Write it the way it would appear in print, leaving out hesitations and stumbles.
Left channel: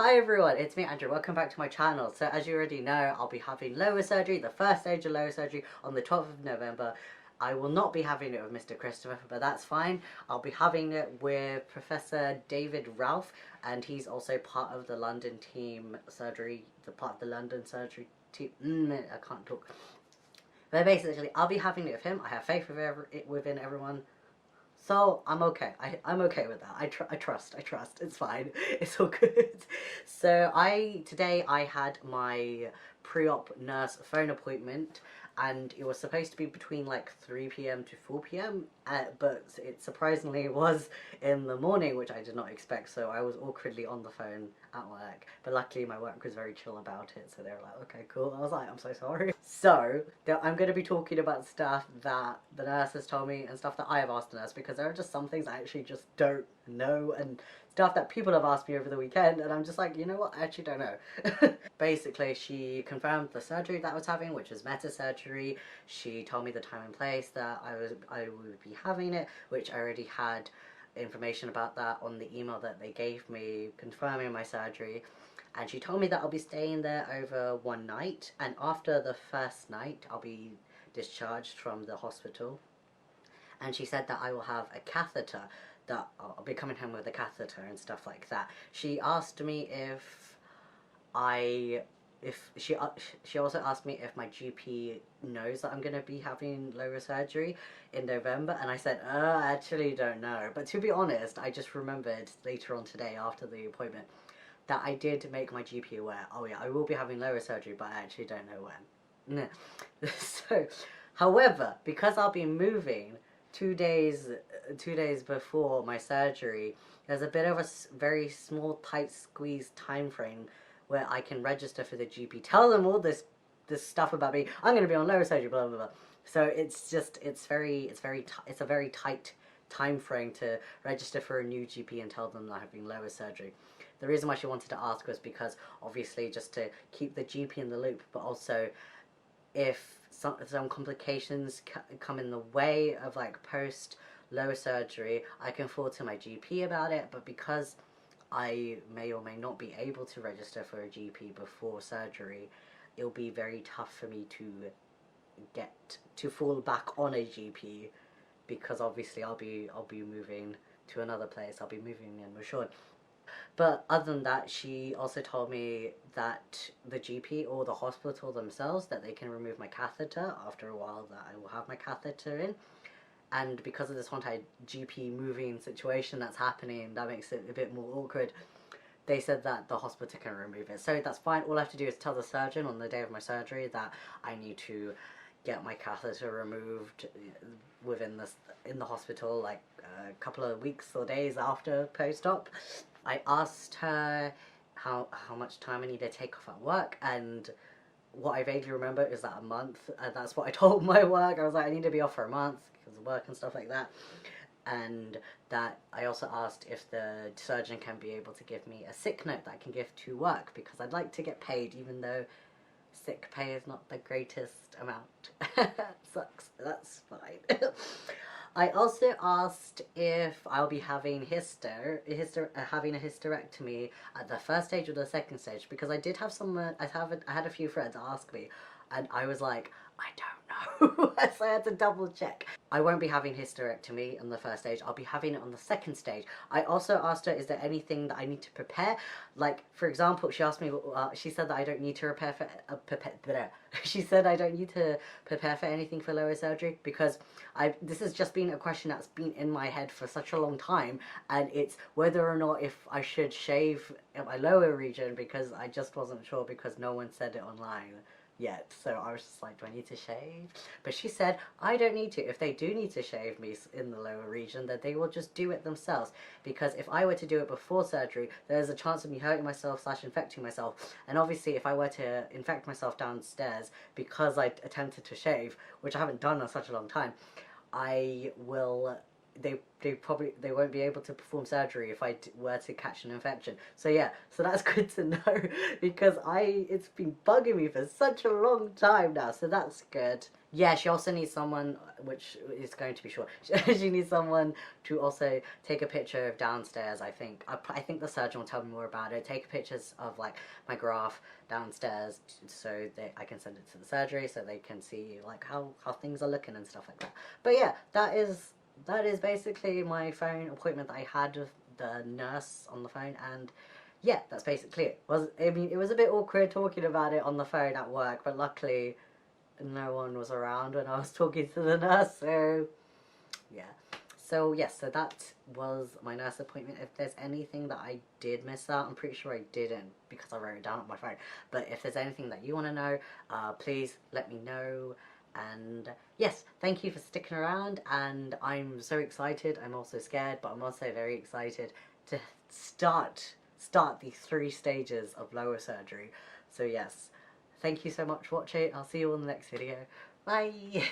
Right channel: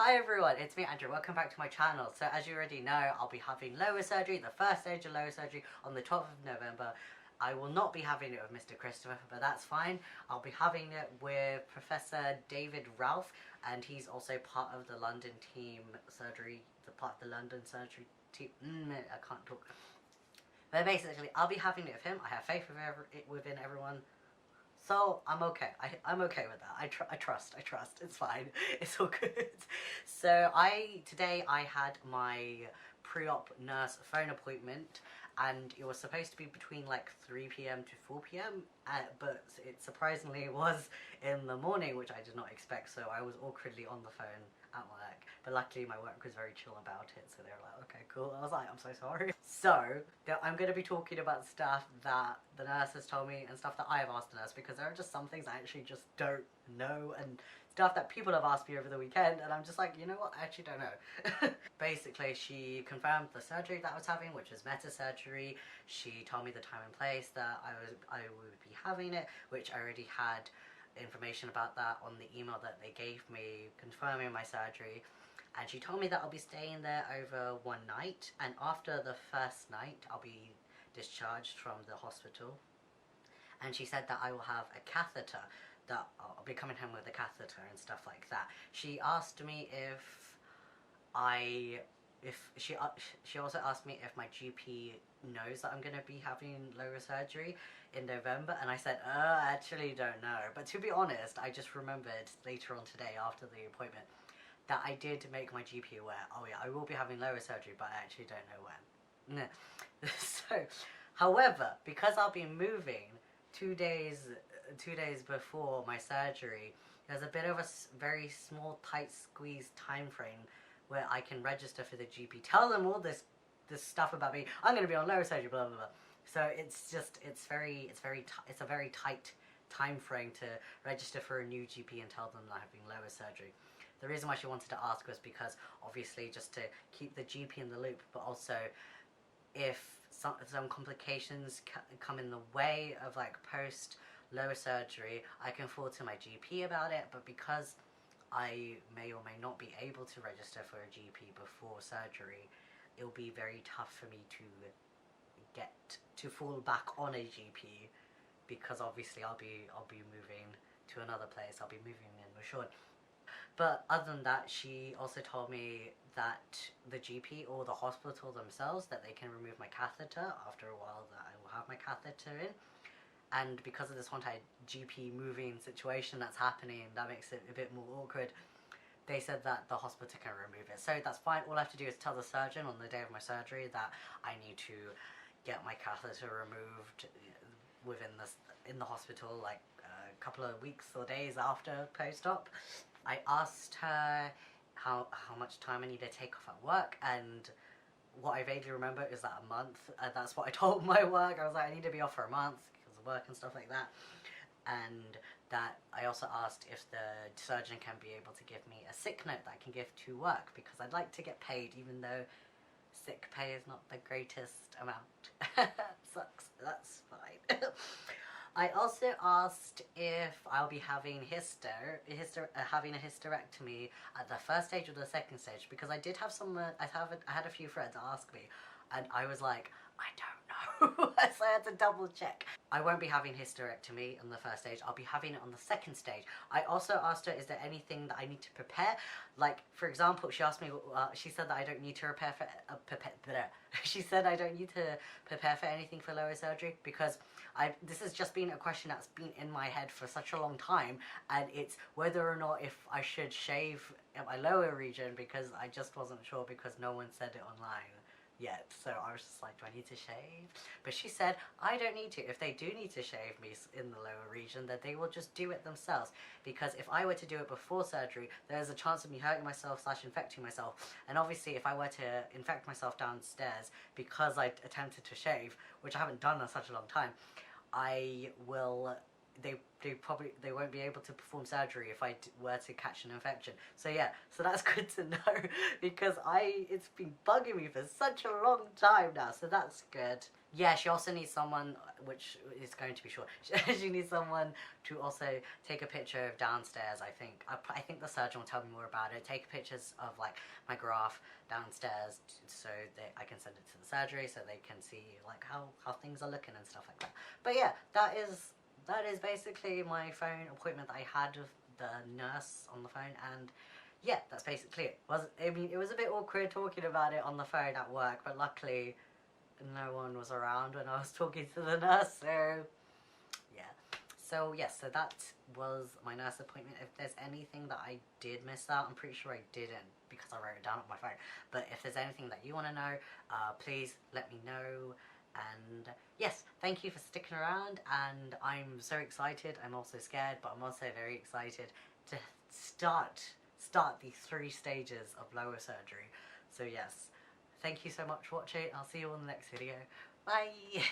Hi everyone, it's me Andrew, welcome back to my channel. So as you already know, I'll be having lower surgery, the first stage of lower surgery on the 12th of November. I will not be having it with Mr. Christopher, but that's fine. I'll be having it with Professor David Ralph, and he's also part of the London team surgery, the part of the London surgery team, I can't talk. But basically, I'll be having it with him. I have faith within everyone. So I'm okay. I'm okay with that. I trust. It's fine. It's all good. So today I had my pre-op nurse phone appointment, and it was supposed to be between like 3 p.m. to 4 p.m. But it surprisingly was in the morning, which I did not expect. So I was awkwardly on the phone at work. But luckily my work was very chill about it. So they were like, okay, cool. I was like, I'm so sorry. So I'm going to be talking about stuff that the nurse has told me and stuff that I have asked the nurse, because there are just some things I actually just don't know, and stuff that people have asked me over the weekend, and I'm just like, you know what, I actually don't know. Basically, she confirmed the surgery that I was having, which is meta surgery. She told me the time and place that I would be having it, which I already had information about that on the email that they gave me confirming my surgery. And she told me that I'll be staying there over one night, and after the first night I'll be discharged from the hospital. And she said that I will have a catheter, that I'll be coming home with a catheter and stuff like that. She asked me I if she also asked me if my GP knows that I'm going to be having lower surgery in November, and I said, I actually don't know. But to be honest, I just remembered later on today after the appointment that I did make my GP aware. Oh yeah, I will be having lower surgery, but I actually don't know when. So, however, because I'll be moving 2 days before my surgery, there's a bit of a very small, tight squeeze time frame where I can register for the GP, tell them all this stuff about me. I'm going to be on lower surgery, blah blah blah. So it's a very tight time frame to register for a new GP and tell them that I'm having lower surgery. The reason why she wanted to ask was because obviously just to keep the GP in the loop, but also if some complications come in the way of like post lower surgery, I can forward to my GP about it. But because I may or may not be able to register for a GP before surgery, it'll be very tough for me to get to fall back on a GP, because obviously I'll be moving to another place. I'll be moving in Mashon. But other than that, she also told me that the GP or the hospital themselves, that they can remove my catheter after a while, that I will have my catheter in. And because of this whole entire GP moving situation that's happening, that makes it a bit more awkward. They said that the hospital can remove it. So that's fine. All I have to do is tell the surgeon on the day of my surgery that I need to get my catheter removed in the hospital, like a couple of weeks or days after post-op. I asked her how much time I need to take off at work, and what I vaguely remember is that a month. That's what I told my work. I was like, I need to be off for a month because of work and stuff like that. And that I also asked if the surgeon can be able to give me a sick note that I can give to work, because I'd like to get paid, even though sick pay is not the greatest amount. Sucks. That's fine. I also asked if I'll be having having a hysterectomy at the first stage or the second stage, because I did have I had a few friends ask me, and I was like, I don't know. So I had to double check. I won't be having hysterectomy on the first stage. I'll be having it on the second stage. I also asked her, is there anything that I need to prepare? Like, for example, she asked me, she said that I don't need to she said I don't need to prepare for anything for lower surgery, because this has just been a question that's been in my head for such a long time, and it's whether or not if I should shave my lower region, because I just wasn't sure, because no one said it online yet. So I was just like, do I need to shave? But she said I don't need to. If they do need to shave me in the lower region, that they will just do it themselves, because if I were to do it before surgery, there's a chance of me hurting myself / infecting myself. And obviously if I were to infect myself downstairs because I attempted to shave, which I haven't done in such a long time, I will they won't be able to perform surgery if I were to catch an infection. So yeah, so that's good to know because it's been bugging me for such a long time now. So that's good. Yeah, she also needs someone, which is going to be short. She needs someone to also take a picture of downstairs. I think I think the surgeon will tell me more about it. Take pictures of like my graph downstairs so I can send it to the surgery so they can see like how things are looking and stuff like that. But yeah, that is basically my phone appointment that I had with the nurse on the phone, and yeah, that's basically it. It was a bit awkward talking about it on the phone at work, but luckily no one was around when I was talking to the nurse, so yeah. So yes, so that was my nurse appointment. If there's anything that I did miss out, I'm pretty sure I didn't because I wrote it down on my phone. But if there's anything that you want to know, please let me know. And yes, thank you for sticking around. And I'm so excited. I'm also scared, but I'm also very excited to start these 3 stages of lower surgery. So yes, thank you so much for watching. I'll see you on the next video. Bye!